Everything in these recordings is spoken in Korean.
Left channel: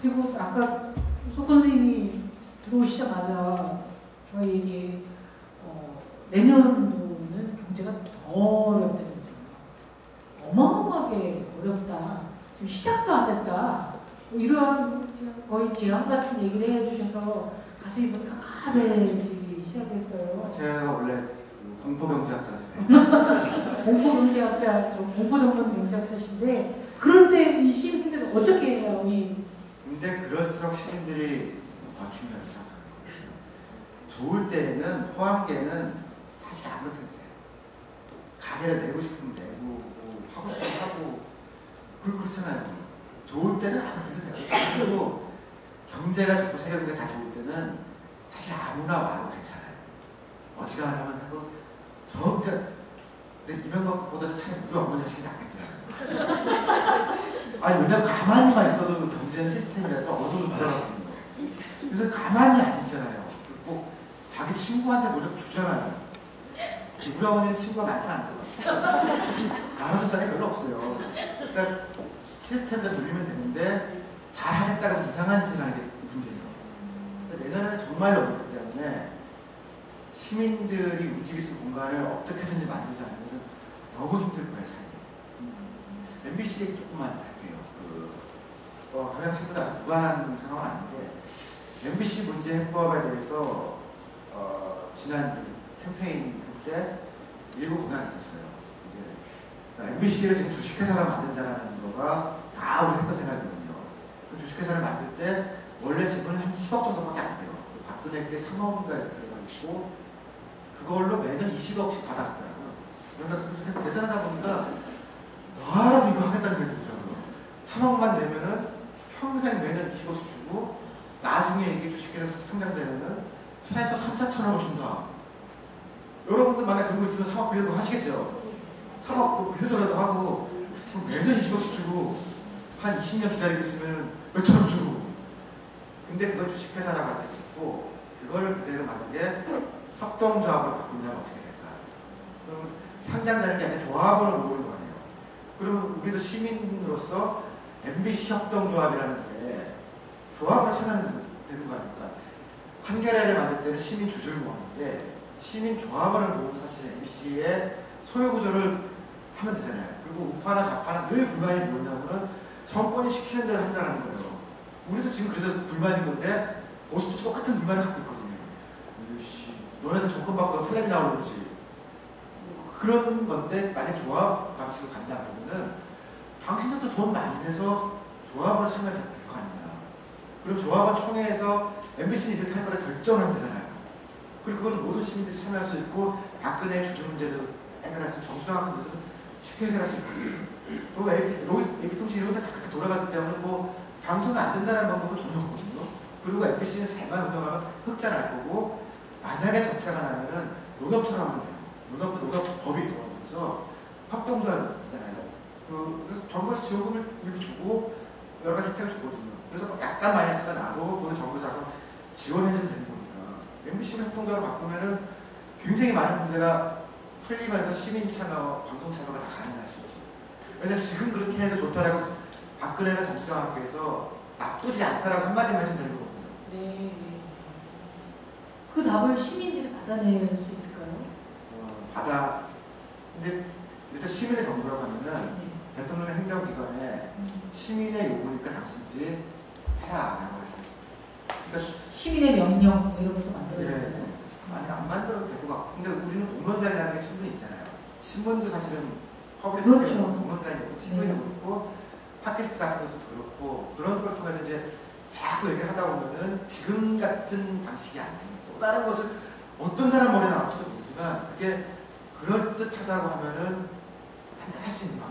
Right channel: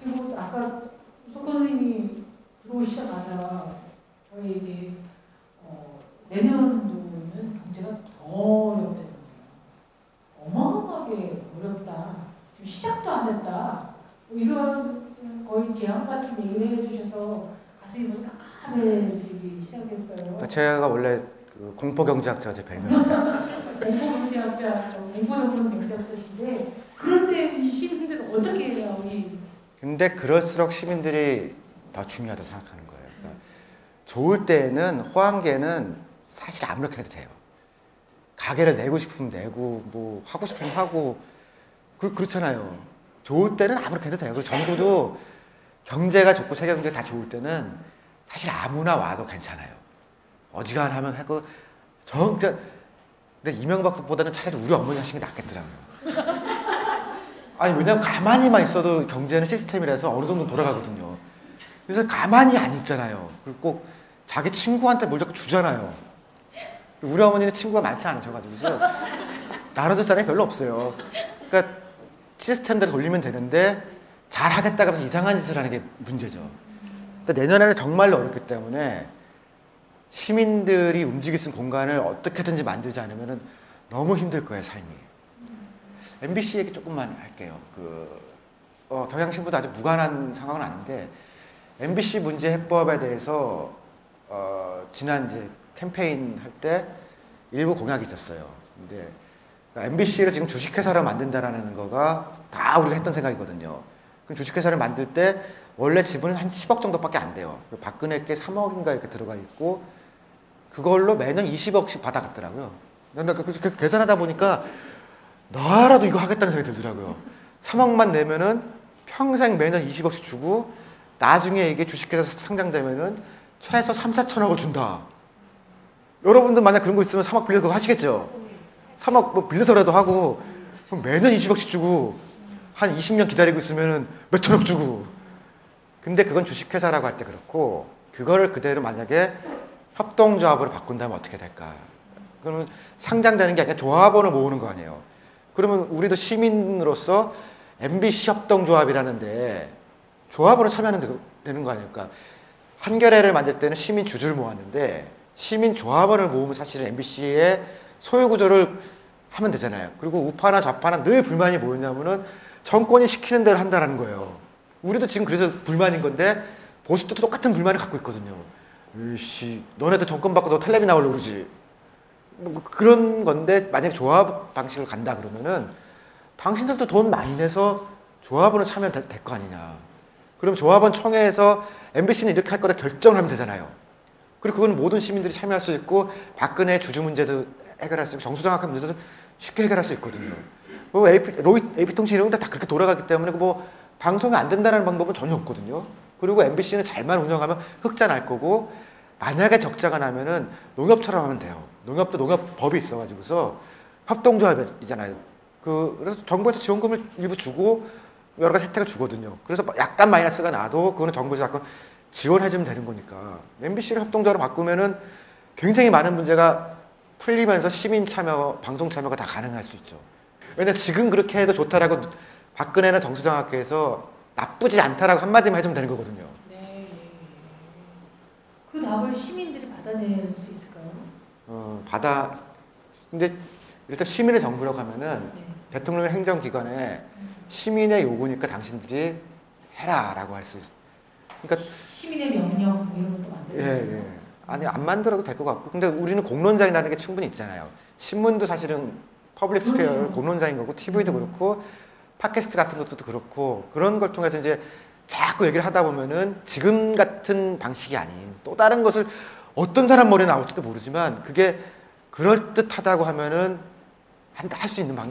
그리고 아까 소 선생님이 들어오시자마자 저희에게 어, 내년도는 경제가 더 어렵다는 어마어마하게 어렵다. 지금 시작도 안 됐다. 뭐 이런 지금 거의 재앙 같은 얘기를 해주셔서 가슴이 답답해지기 시작했어요. 제가 원래 그 공포경제학자 제 별명. 공포 경제학자, 공포 전문 경제학자신데 그럴 때 이 시민들은 어떻게 해요? 이 근데 그럴수록 시민들이 더 중요하다고 생각하는 거예요. 그러니까 좋을 때는 호황계는 사실 아무렇게 해도 돼요. 가게를 내고 싶으면 내고 뭐 하고 싶으면 하고 그 그렇잖아요. 좋을 때는 아무렇게 해도 돼요. 그 정부도 경제가 좋고 세계 경제 다 좋을 때는 사실 아무나 와도 괜찮아요. 어지간하면 하고 저 그러니까 근데 이명박보다는 차라리 우리 어머니 게 낫겠더라고요. 아니 왜냐면 가만히만 있어도 경제는 시스템이라서 어느 정도 돌아가거든요. 그래서 가만히 안 있잖아요. 꼭 자기 친구한테 뭘 자꾸 주잖아요. 우리 어머니는 친구가 많지 않으셔가지고 나눠줄 사람이 별로 없어요. 그러니까 시스템대로 돌리면 되는데 잘 하겠다고 해서 이상한 짓을 하는 게 문제죠. 그러니까 내년에는 정말로 어렵기 때문에 시민들이 움직일 수 있는 공간을 어떻게든지 만들지 않으면 너무 힘들 거예요, 삶이. MBC 얘기 조금만 할게요. 그, 어, 경향신문도 아주 무관한 상황은 아닌데, MBC 문제 해법에 대해서, 어, 지난 이제 캠페인 할 때 일부 공약이 있었어요. 이제 그러니까 MBC를 지금 주식회사로 만든다라는 거가 다 우리가 했던 생각이거든요. 그럼 주식회사를 만들 때 원래 지분은 한 10억 정도밖에 안 돼요. 박근혜께 3억인가 이렇게 들어가 있고, 그걸로 매년 20억씩 받아갔더라고요. 근데 그, 그, 그 계산하다 보니까 나라도 이거 하겠다는 생각이 들더라고요. 3억만 내면은 평생 매년 20억씩 주고 나중에 이게 주식회사 상장되면은 최소 3, 4천억을 준다. 여러분들 만약 그런 거 있으면 3억 빌려 그거 하시겠죠? 3억 뭐 빌려서라도 하고 매년 20억씩 주고 한 20년 기다리고 있으면은 몇 천억 주고 근데 그건 주식회사라고 할 때 그렇고 그거를 그대로 만약에 협동조합으로 바꾼다면 어떻게 될까? 그러면 상장되는 게 아니라 조합원을 모으는 거 아니에요. 그러면 우리도 시민으로서 MBC 협동조합이라는데 조합으로 참여하는 되는 거 아닐까? 한겨레를 만들 때는 시민 주주를 모았는데 시민 조합원을 모으면 사실은 MBC의 소유 구조를 하면 되잖아요. 그리고 우파나 좌파나 늘 불만이 뭐였냐면은 정권이 시키는 대로 한다라는 거예요. 우리도 지금 그래서 불만인 건데 보수도 똑같은 불만을 갖고 있거든요. 으씨, 너네들 정권 바꿔 너 텔레비 나오려고 그러지. 뭐 그런 건데 만약 조합 방식을 간다 그러면은 당신들도 돈 많이 내서 조합으로 참여될 거 아니냐. 그럼 조합원 총회에서 MBC는 이렇게 할 거다 결정을 하면 되잖아요. 그리고 그건 모든 시민들이 참여할 수 있고 박근혜 주주 문제도 해결할 수 있고 정수장학학 문제도 쉽게 해결할 수 있거든요. 뭐 AP, 로이, AP통신 이런 다 그렇게 돌아가기 때문에 뭐 방송이 안 된다는 방법은 전혀 없거든요. 그리고 MBC는 잘만 운영하면 흑자 날 거고 만약에 적자가 나면은 농협처럼 하면 돼요. 농협도 농협법이 있어가지고서 협동조합이잖아요. 그 그래서 정부에서 지원금을 일부 주고 여러 가지 혜택을 주거든요. 그래서 약간 마이너스가 나도 그거는 정부에서 약간 지원해주면 되는 거니까 MBC를 협동조합으로 바꾸면은 굉장히 많은 문제가 풀리면서 시민 참여, 방송 참여가 다 가능할 수 있죠. 왜냐 지금 그렇게 해도 좋다라고 박근혜나 정치정학회에서 나쁘지 않다라고 한마디만 해주면 되는 거거든요. 네. 그 답을 시민들이 받아낼 수 있을까요? 어, 받아 근데 일단 시민의 정부라고 하면은 네. 대통령의 행정기관에 시민의 요구니까 당신들이 해라라고 할 수. 그러니까 시민의 명령 뭐 이런 것도 만들고. 예, 예. 아니 안 만들어도 될 것 같고 근데 우리는 공론장이라는 게 충분히 있잖아요. 신문도 사실은 퍼블릭 스퀘어 그렇죠. 공론장인 거고 TV도 그렇고 팟캐스트 같은 것도 그렇고 그런 걸 통해서 이제 자꾸 얘기를 하다 보면은 지금 같은 방식이 아닌 또 다른 것을 어떤 사람 머리에 나올지도 모르지만 그게 그럴 듯하다고 하면은 할수 있는 방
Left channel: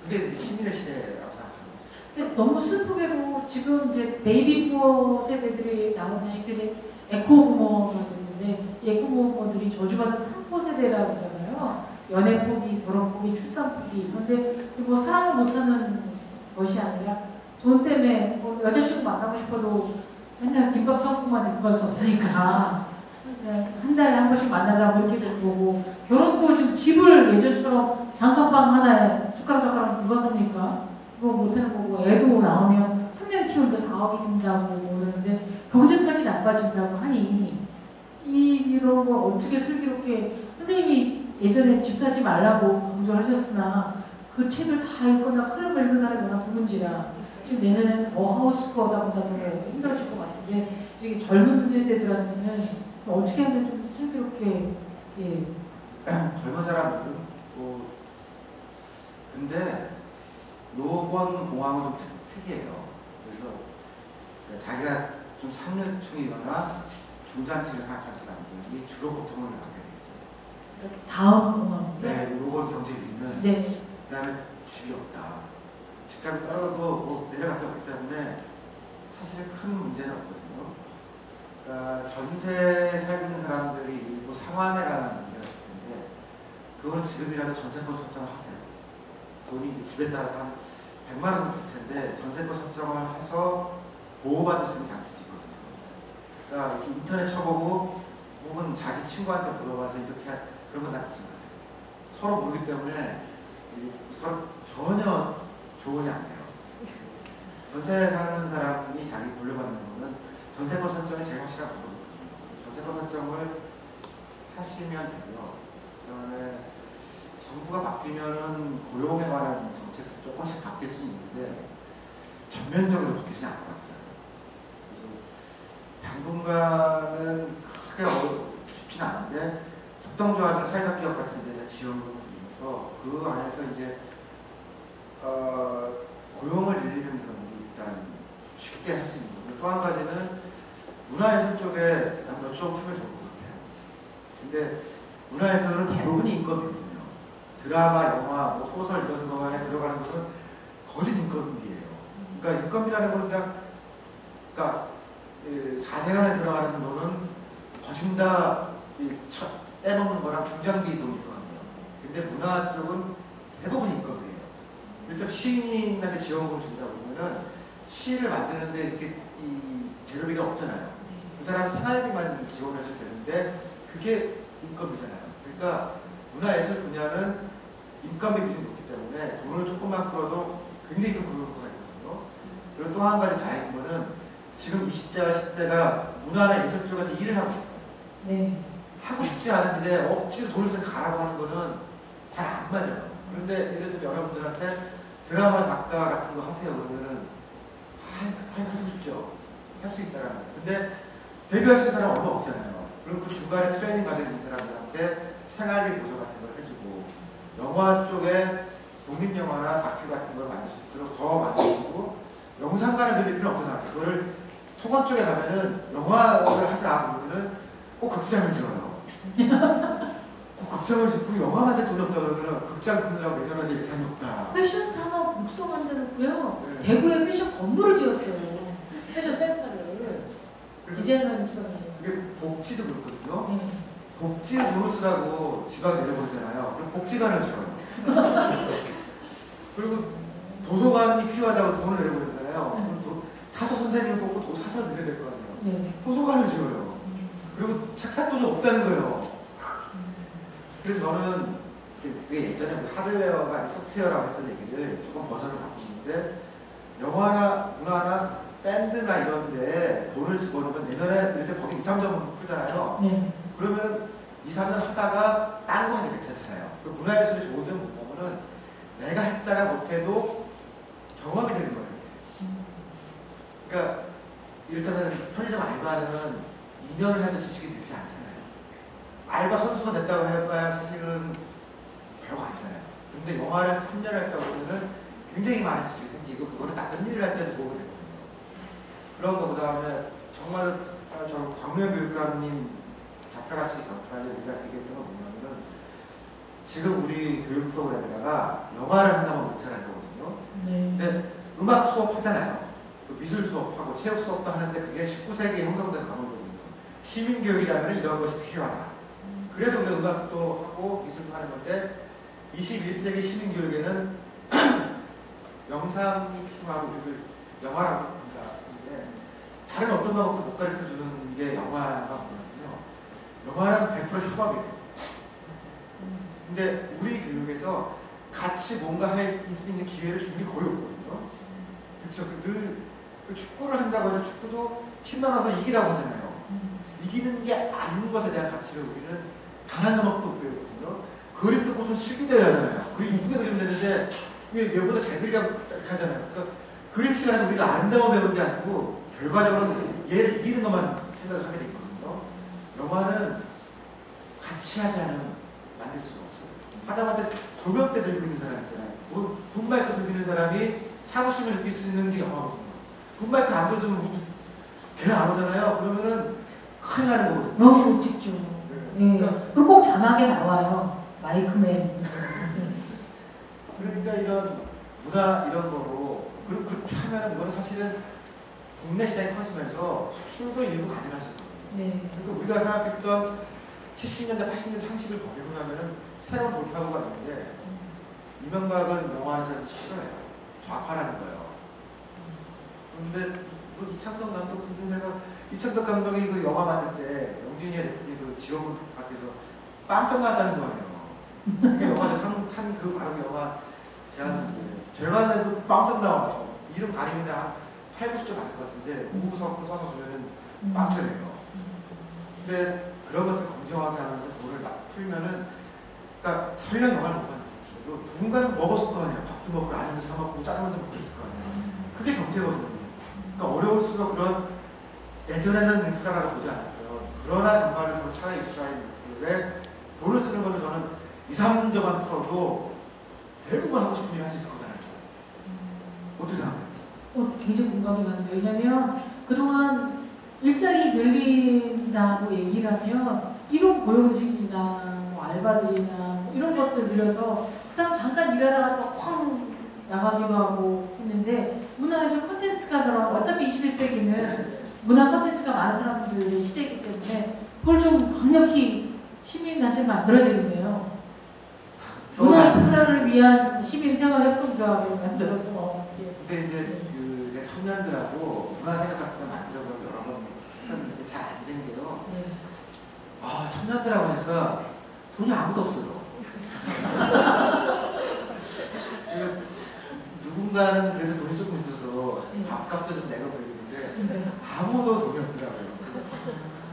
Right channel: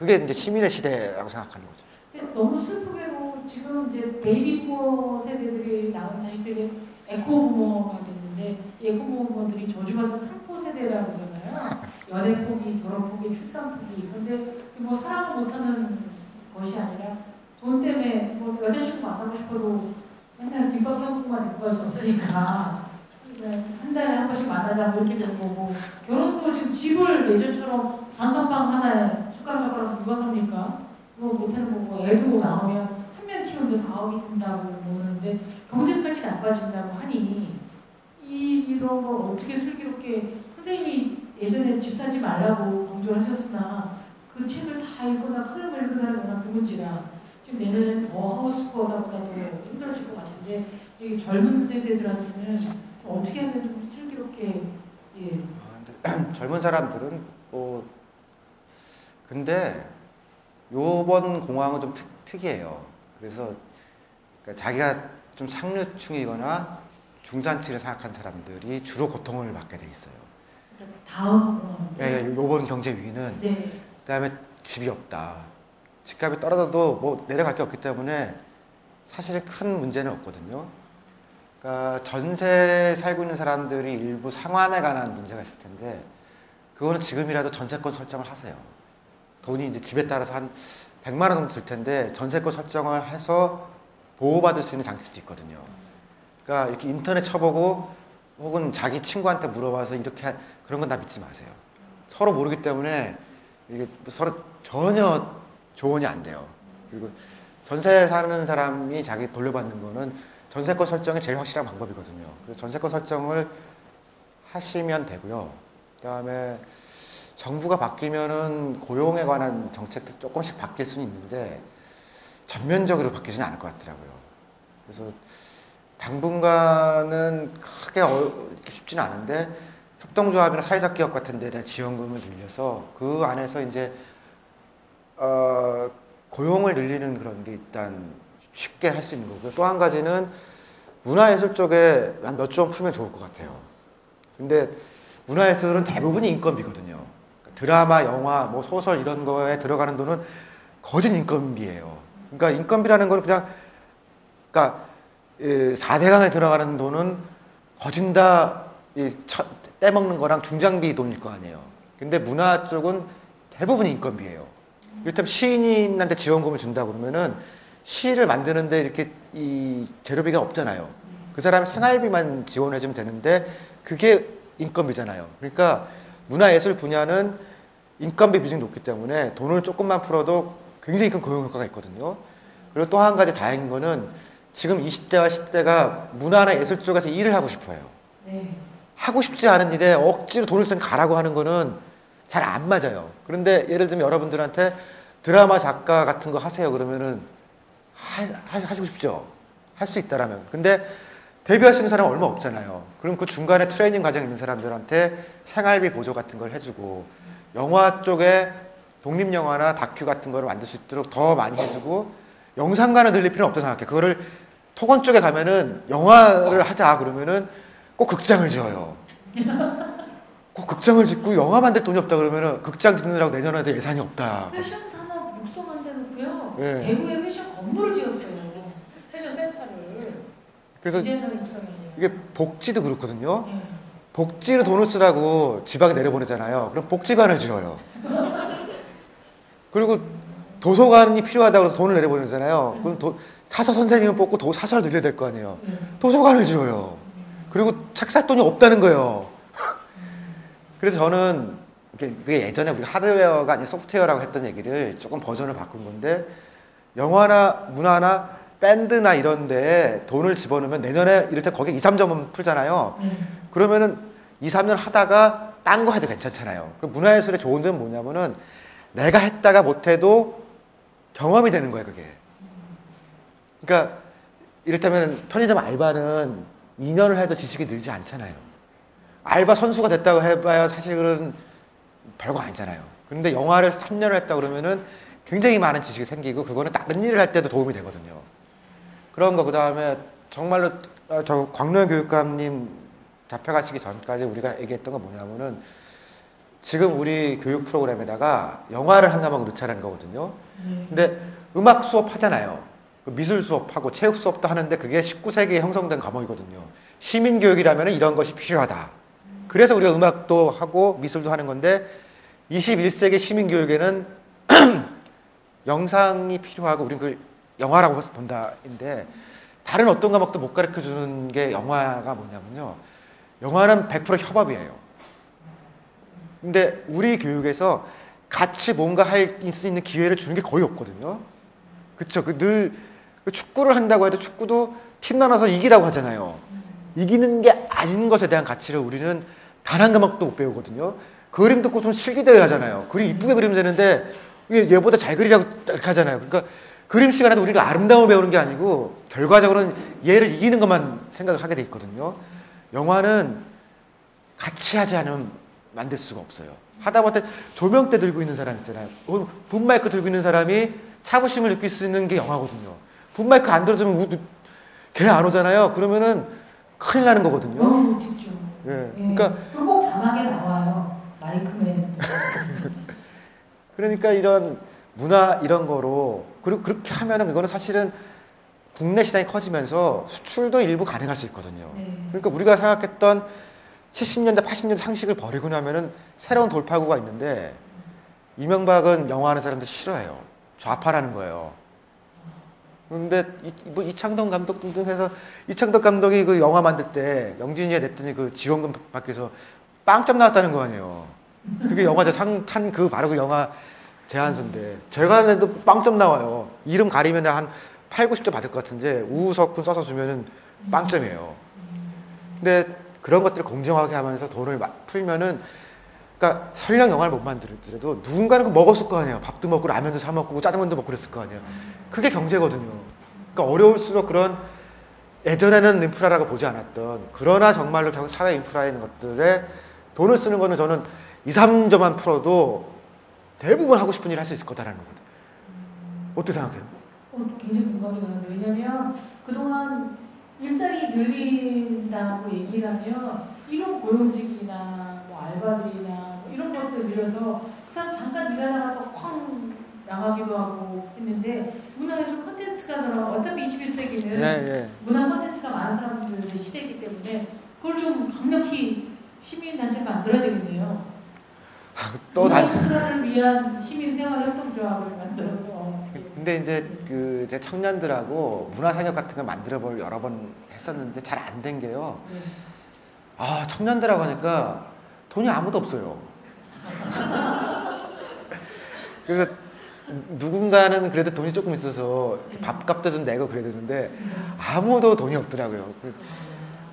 그게 이제 시민의 시대라고 생각하는 거죠. 너무 슬프게도 지금 이제 베이비부모 세대들이 나온 자식들이 에코부모들인데 에코부모들이 저주받은 삼포 세대라고 하잖아요. 연애 포기, 결혼 포기, 출산 포기. 그런데 뭐 사랑을 못하는 것이 아니라 돈 때문에 뭐 여자친구 만나고 싶어도 맨날 김밥 입고 갈수 없으니까 한 달에 한 번씩 만나자 뭐 이렇게 될 거고. 결혼도 지금 집을 예전처럼 장갑방 하나에 숟가락 젓가락 누가 삽니까? 그거 못하는 거고 애도 나오면 한명 30년도 4억이 든다고 그러는데 경제까지 나빠진다고 하니. 이 이런 걸 어떻게 슬기롭게 선생님이 예전에 집 사지 말라고 강조를 하셨으나 그 책을 다 읽거나 클럽을 읽은 사람이 워낙 드문지라 지금 내년엔 더 하우스커다보다 더 힘들어질 것 같은데 이게 젊은 세대들한테는 어떻게 하면 좀 슬기롭게 예. 젊은 사람들은 뭐 근데 요번 공항은 좀 특, 특이해요. 그래서 자기가 좀 상류층이거나 중산층을 생각한 사람들이 주로 고통을 받게 돼 있어요. 다음 공항 네, 요번 경제 위기는 네. 그다음에 집이 없다. 집값이 떨어져도 뭐 내려갈 게 없기 때문에 사실 큰 문제는 없거든요. 그러니까 전세 살고 있는 사람들이 일부 상환에 관한 문제가 있을 텐데 그거는 지금이라도 전세권 설정을 하세요. 돈이 이제 집에 따라서 한 100만 원 정도 들 텐데 전세권 설정을 해서 보호받을 수 있는 장치도 있거든요. 그러니까 이렇게 인터넷 쳐보고 혹은 자기 친구한테 물어봐서 이렇게 하- 그런 건 다 믿지 마세요. 서로 모르기 때문에 이게 서로 전혀 조언이 안 돼요. 그리고 전세 사는 사람이 자기 돌려받는 거는 전세권 설정이 제일 확실한 방법이거든요. 그래서 전세권 설정을 하시면 되고요. 그 다음에 정부가 바뀌면은 고용에 관한 정책도 조금씩 바뀔 수는 있는데 전면적으로 바뀌지는 않을 것 같더라고요. 그래서 당분간은 크게 어- 쉽지는 않은데 협동조합이나 사회적 기업 같은 데에 대한 지원금을 늘려서 그 안에서 이제 어, 고용을 늘리는 그런 게 일단 쉽게 할 수 있는 거고요. 또 한 가지는 문화예술 쪽에 한몇조 풀면 좋을 것 같아요. 근데 문화예술은 대부분이 인건비거든요. 드라마, 영화, 뭐 소설 이런 거에 들어가는 돈은 거짓 인건비예요. 그러니까 인건비라는 건 그냥 그러니까 4대강에 들어가는 돈은 거진다 이 첫- 떼먹는 거랑 중장비 돈일 거 아니에요. 근데 문화 쪽은 대부분 인건비예요. 이를테면 시인한테 지원금을 준다 그러면은 시를 만드는데 이렇게 이 재료비가 없잖아요. 그 사람 생활비만 지원해주면 되는데 그게 인건비잖아요. 그러니까 문화예술 분야는 인건비 비중이 높기 때문에 돈을 조금만 풀어도 굉장히 큰 고용 효과가 있거든요. 그리고 또 한 가지 다행인 거는 지금 20대와 10대가 문화나 예술 쪽에서 일을 하고 싶어요. 네. 하고 싶지 않은 일에 억지로 돈을 쓰면 가라고 하는 거는 잘 안 맞아요. 그런데 예를 들면 여러분들한테 드라마 작가 같은 거 하세요 그러면은 하, 하, 하고 싶죠. 할 수 있다라면. 근데 데뷔하시는 사람 얼마 없잖아요. 그럼 그 중간에 트레이닝 과정 있는 사람들한테 생활비 보조 같은 걸 해주고 영화 쪽에 독립영화나 다큐 같은 거를 만들 수 있도록 더 많이 해주고 영상관을 늘릴 필요는 없다고 생각해요. 그거를 토건 쪽에 가면은 영화를 하자 그러면은 꼭 극장을 지어요. 꼭 극장을 짓고 영화 만들 돈이 없다 그러면은 극장 짓느라고 내년에도 예산이 없다. 패션 산업 육성한 다는고요. 네. 대구에 패션 건물을 지었어요. 패션 센터를. 그래서 이재현. 이게 복지도 그렇거든요. 네. 복지로 돈을 쓰라고 지방에 내려보내잖아요. 그럼 복지관을 지어요. 그리고 도서관이 필요하다고 해서 돈을 내려보내잖아요. 그럼 도- 사서 선생님을 뽑고 도, 사설 늘려야 될 거 아니에요. 네. 도서관을 지어요. 그리고 책살 돈이 없다는 거예요. 그래서 저는 그게 예전에 우리 하드웨어가 아닌 소프트웨어라고 했던 얘기를 조금 버전을 바꾼 건데 영화나 문화나 밴드나 이런 데에 돈을 집어넣으면 내년에 이럴 때 거기 2, 3점은 풀잖아요. 네. 그러면은 2, 3년 하다가 딴 거 해도 괜찮잖아요. 그 문화예술의 좋은 데는 뭐냐면은 내가 했다가 못해도 경험이 되는 거예요, 그게. 그러니까 이를테면 편의점 알바는 2년을 해도 지식이 늘지 않잖아요. 알바 선수가 됐다고 해봐야 사실은 별거 아니잖아요. 근데 영화를 3년을 했다 그러면은 굉장히 많은 지식이 생기고 그거는 다른 일을 할 때도 도움이 되거든요. 그런 거 그 다음에 정말로 아, 저 광노 교육감님 잡혀가시기 전까지 우리가 얘기했던 건 뭐냐면은 지금 우리 교육 프로그램에다가 영화를 한 과목 넣자는 거거든요. 네. 근데 음악 수업 하잖아요. 미술 수업하고 체육 수업도 하는데 그게 19세기에 형성된 과목이거든요. 시민 교육이라면 이런 것이 필요하다. 그래서 우리가 음악도 하고 미술도 하는 건데 21세기 시민 교육에는 영상이 필요하고 우리 그 영화라고 해서 본다인데 다른 어떤 과목도 못 가르쳐 주는 게 영화가 뭐냐면요. 영화는 100% 협업이에요. 근데 우리 교육에서 같이 뭔가 할 수 있는 기회를 주는 게 거의 없거든요. 그쵸? 그늘 축구를 한다고 해도 축구도 팀 나눠서 이기라고 하잖아요. 이기는 게 아닌 것에 대한 가치를 우리는 단 한 과목도 못 배우거든요. 그림도 꼭 좀 실기대회 하잖아요. 그림 이쁘게 그리면 되는데 이게 얘보다 잘 그리라고 이렇게 하잖아요. 그러니까 그림 시간에도 우리가 아름다움을 배우는 게 아니고 결과적으로는 얘를 이기는 것만 생각을 하게 돼 있거든요. 영화는 같이 하지 않으면 만들 수가 없어요. 하다못해 조명대 들고 있는 사람 있잖아요. 어, 붐 마이크 들고 있는 사람이 차구심을 느낄 수 있는 게 영화거든요. 붐 마이크 안 들어주면 걔 안 오잖아요. 그러면은 큰일 나는 거거든요. 너무 집중. 예. 네. 그러니까 꼭 자막에 나와요. 마이크맨. 그러니까 이런 문화 이런 거로 그리고 그렇게 하면은 이거는 사실은 국내 시장이 커지면서 수출도 일부 가능할 수 있거든요. 네. 그러니까 우리가 생각했던 70년대, 80년대 상식을 버리고 나면은 새로운 돌파구가 있는데 이명박은 영화하는 사람들 싫어해요. 좌파라는 거예요. 근데 이, 뭐 이창동 감독 등등 해서 이창동 감독이 그 영화 만들 때 영진이가 냈더니 그 지원금 위해서 빵점 나왔다는 거 아니에요. 그게 영화제 상 탄 그 바로 그 영화 제안서인데 제가 내도 빵점 나와요. 이름 가리면 한 8, 90점 받을 것 같은데 우석훈 써서 주면은 빵점이에요. 근데 그런 것들을 공정하게 하면서 돈을 막 풀면은 그러니까 설령 영화를 못 만들더라도 누군가는 먹었을 거 아니에요. 밥도 먹고 라면도 사 먹고 짜장면도 먹고 그랬을 거 아니에요. 그게 경제거든요. 그러니까 어려울수록 그런 예전에는 인프라라고 보지 않았던 그러나 정말로 경 사회 인프라인 것들에 돈을 쓰는 거는 저는 2, 3점만 풀어도 대부분 하고 싶은 일 할 수 있을 거다라는 거예요. 어떻게 생각해요? 어, 굉장히 공감이 가는데 왜냐면 그동안 일자리 늘린다고 얘기를 하면 이런 고용직이나 뭐 알바들이나 뭐 이런 것들 늘려서 그 사람 잠깐 일하다가 쾅 나가기도 하고 했는데 문화예술 콘텐츠가 늘어 어차피 21세기는 예. 문화 콘텐츠가 많은 사람들의 시대이기 때문에 그걸 좀 강력히 시민단체 만들어야 되겠네요. 또 다. 문화 문화를 위한 시민 생활 협동조합을 만들어서 근데 이제 그 이제 청년들하고 문화사역 같은 걸 만들어 볼 여러 번 했었는데 잘 안 된 게요. 네. 아 청년들하고 하니까 돈이 아무도 없어요. 그래서 누군가는 그래도 돈이 조금 있어서 밥값도 좀 내고 그래야 되는데 아무도 돈이 없더라고요.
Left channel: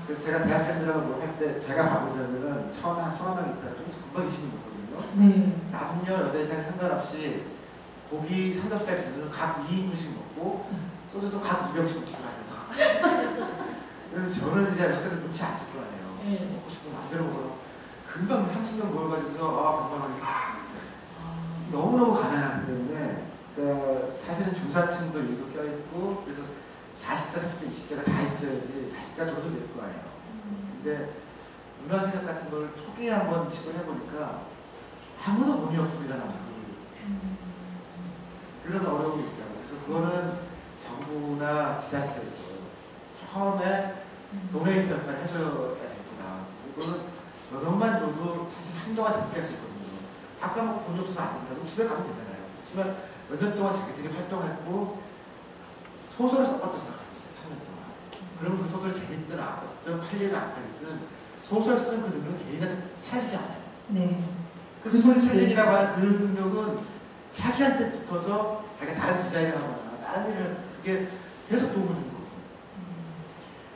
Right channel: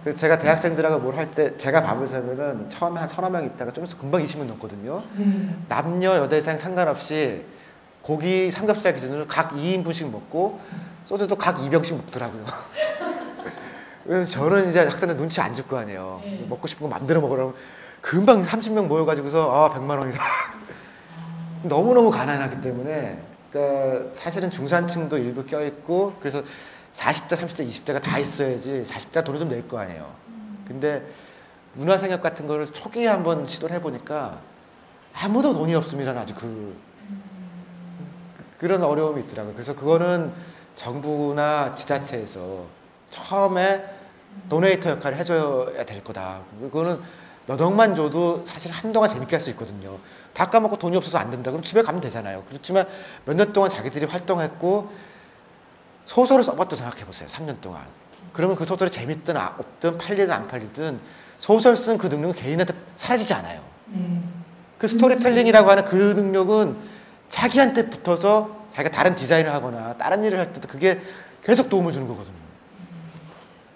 그래서 제가 대학생들하고 뭘 할 때 제가 사면은 처음에 한 서너 명 있다가 좀 있어 금방 20명 넘거든요. 네. 남녀 여대생 상관없이 고기 삼겹살 기준으로 각 2인분씩 먹고 소주도 각 2병씩 먹더라고요. 왜냐면 저는 이제 학생들 눈치 안 줄 거 아니에요. 네. 먹고 싶은 거 마음대로 먹으라고 금방 30명 모여가지고서 아 100만 원이라 너무너무 가난하기 때문에 그러니까 사실은 중산층도 일부 껴있고 그래서 40대, 30대, 20대가 다 있어야지 40대가 돈을 좀 낼 거 아니에요. 근데 문화생활 같은 거를 초기에 한번 시도를 해보니까 아무도 돈이 없음이라는 아주 그 그런 어려움이 있더라고요. 그래서 그거는 정부나 지자체에서 처음에 도네이터 역할을 해줘야 될 거다. 그거는 몇 억만 줘도 사실 한동안 재밌게 할 수 있거든요. 다 까먹고 돈이 없어서 안 된다. 그럼 집에 가면 되잖아요. 그렇지만 몇 년 동안 자기들이 활동했고 소설을 써봤다 생각해보세요. 3년 동안. 그러면 그 소설이 재밌든 아- 없든 팔리든 안 팔리든 소설 쓴 그 능력은 개인한테 사라지지 않아요. 네. 그 스토리텔링이라고 하는 그 능력은 자기한테 붙어서 자기가 다른 디자인을 하거나 다른 일을 할 때도 그게 계속 도움을 주는 거거든요.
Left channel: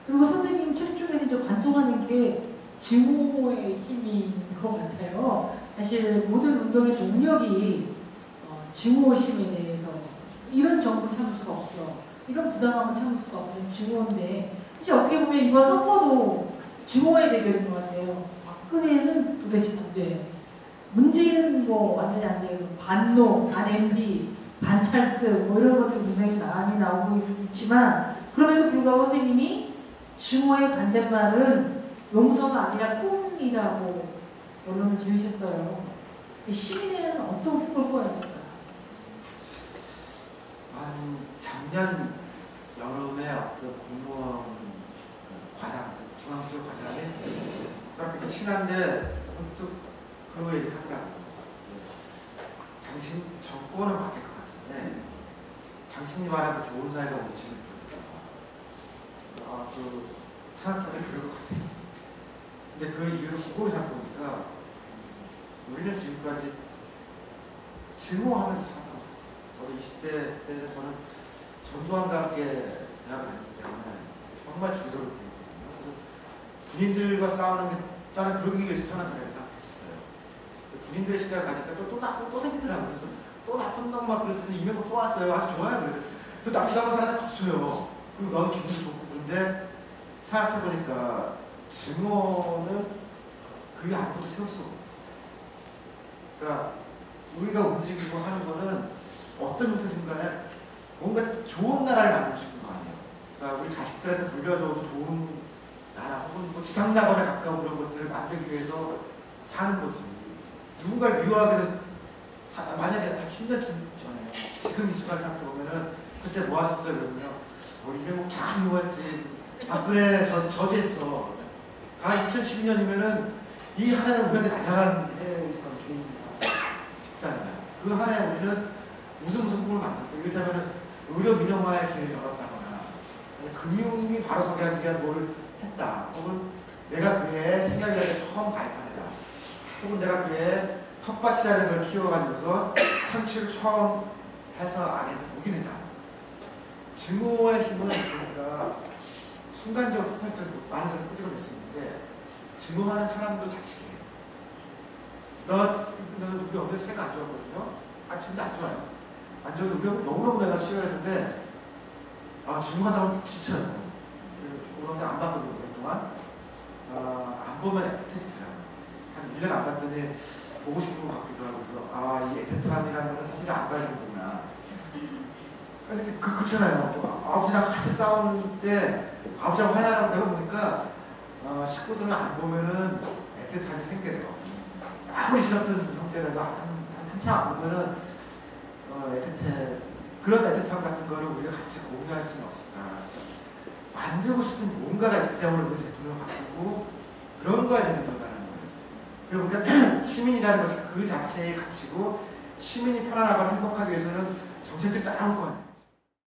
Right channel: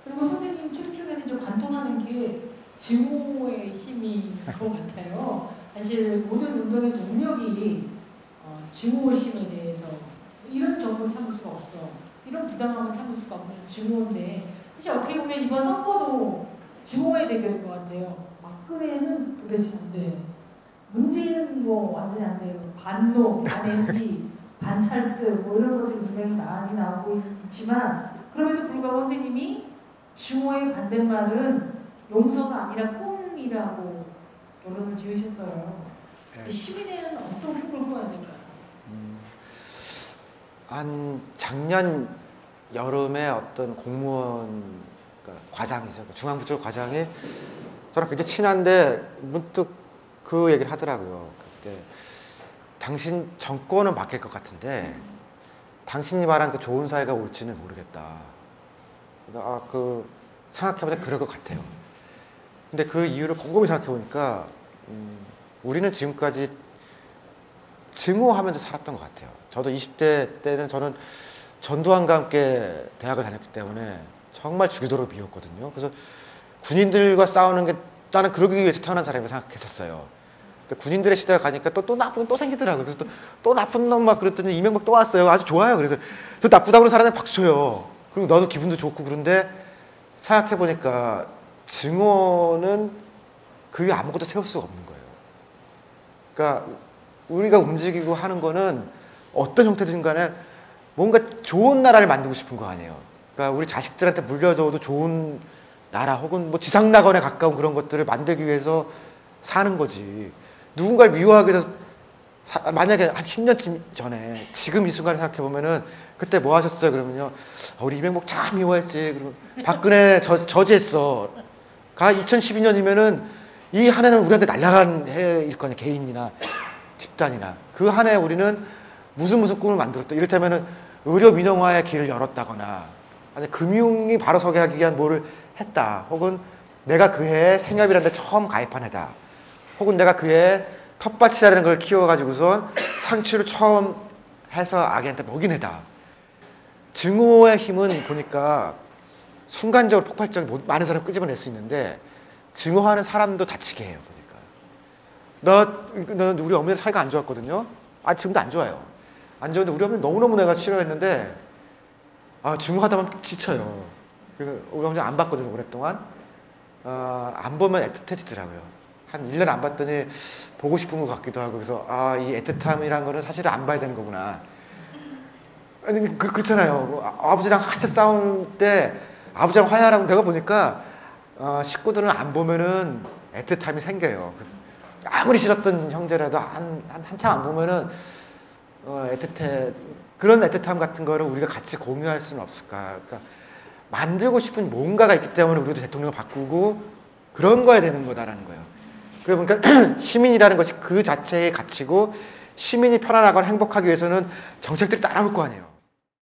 그리고 선생님 책 중에서 저 관통하는 게 증오의 힘이 그것 같아요. 사실 모든 운동의 동력이 어, 증오 심에 대해서 이런 점을 참을 수가 없어. 이런 부당함을 참을 수가 없는 증오인데 사실 어떻게 보면 이번 선거도 증오의 대결인 것 같아요. 박근혜는 도대체 누구예요? 문재인은 뭐 완전히 안 돼요. 반노, 반엠비, 반찰스 뭐 이런 것들이 굉장히 많이 나오고 있지만 그럼에도 불구하고 선생님이 증오의 반대말은 용서가 아니라 꿈이라고 결론을 지으셨어요. 시민에는 어떤 꿈을 꾸어야 될까? 한 작년 여름에 어떤 공무원 과장이죠. 중앙부처 과장이 저랑 굉장히 친한데 문득 그 얘기를 하더라고요. 그때 당신 정권을 맡길 것 같은데 당신이 말한 그 좋은 사회가 올지는 모르겠다. 아, 그 생각해보니까 그럴 것 같아요. 근데 그 이유를 곰곰이 생각해보니까 음, 우리는 지금까지 증오하면서 살았던 것 같아요. 저도 20대 때는 저는 전두환과 함께 대학을 다녔기 때문에 정말 죽이도록 비웠거든요. 그래서 군인들과 싸우는 게 나는 그러기 위해서 태어난 사람이 생각했었어요. 군인들의 시대가 가니까 또, 또 나쁜 놈또 생기더라고요. 그래서 또, 또 나쁜 놈 막 그랬더니 이명박 또 왔어요. 아주 좋아요. 그래서 저 나쁘다고 사람들 박수 쳐요. 그리고 너도 기분도 좋고 그런데 생각해보니까 증오는 그 위에 아무것도 세울 수가 없는 거예요. 그러니까 우리가 움직이고 하는 거는 어떤 형태든 간에 뭔가 좋은 나라를 만들고 싶은 거 아니에요. 그러니까 우리 자식들한테 물려줘도 좋은 나라 혹은 뭐 지상낙원에 가까운 그런 것들을 만들기 위해서 사는 거지. 누군가를 미워하기 위해서 사- 만약에 한 10년 전에 지금 이 순간 생각해 보면은 그때 뭐 하셨어요? 그러면요. 아, 우리 이명박 참 미워했지. 박근혜 저, 저지했어. 가 2012년이면은 이 한 해는 우리한테 날아간 해일 거냐 개인이나 집단이나 그 한 해 우리는 무슨 무슨 꿈을 만들었다. 이를테면은 의료 민영화의 길을 열었다거나 아니 금융이 바로 서게 하기 위한 뭐를 했다. 혹은 내가 그 해에 생협이라는 데 처음 가입한 해다. 혹은 내가 그 해에 텃밭이라는 걸 키워가지고선 상추를 처음 해서 아기한테 먹인 해다. 증오의 힘은 보니까 순간적으로 폭발적인 모- 많은 사람 끄집어낼 수 있는데 증오하는 사람도 다치게 해요. 나, 나 우리 어머니 사이가 안 좋았거든요. 아 지금도 안 좋아요. 안 좋은데 우리 어머니 너무너무 내가 싫어했는데 아 증오하다 보면 지쳐요. 그래서 우리 어머니 안 봤거든요 오랫동안. 아, 안 보면 애틋해지더라고요. 한 1년 안 봤더니 보고 싶은 것 같기도 하고 그래서 아 이 애틋함이란 거는 사실은 안 봐야 되는 거구나. 아니 그, 그렇잖아요. 뭐, 아- 아버지랑 한참 싸울 때 아버지랑 화해하라고 내가 보니까 어, 식구들은 안 보면은 애틋함이 생겨요. 아무리 싫었던 형제라도 한, 한 한참 안 보면은 어, 애틋해 그런 애틋함 같은 거를 우리가 같이 공유할 수는 없을까? 그러니까 만들고 싶은 뭔가가 있기 때문에 우리도 대통령을 바꾸고 그런 거야 되는 거다라는 거예요. 그러니까 시민이라는 것이 그 자체의 가치고 시민이 편안하고 행복하기 위해서는 정책들이 따라올 거 아니에요.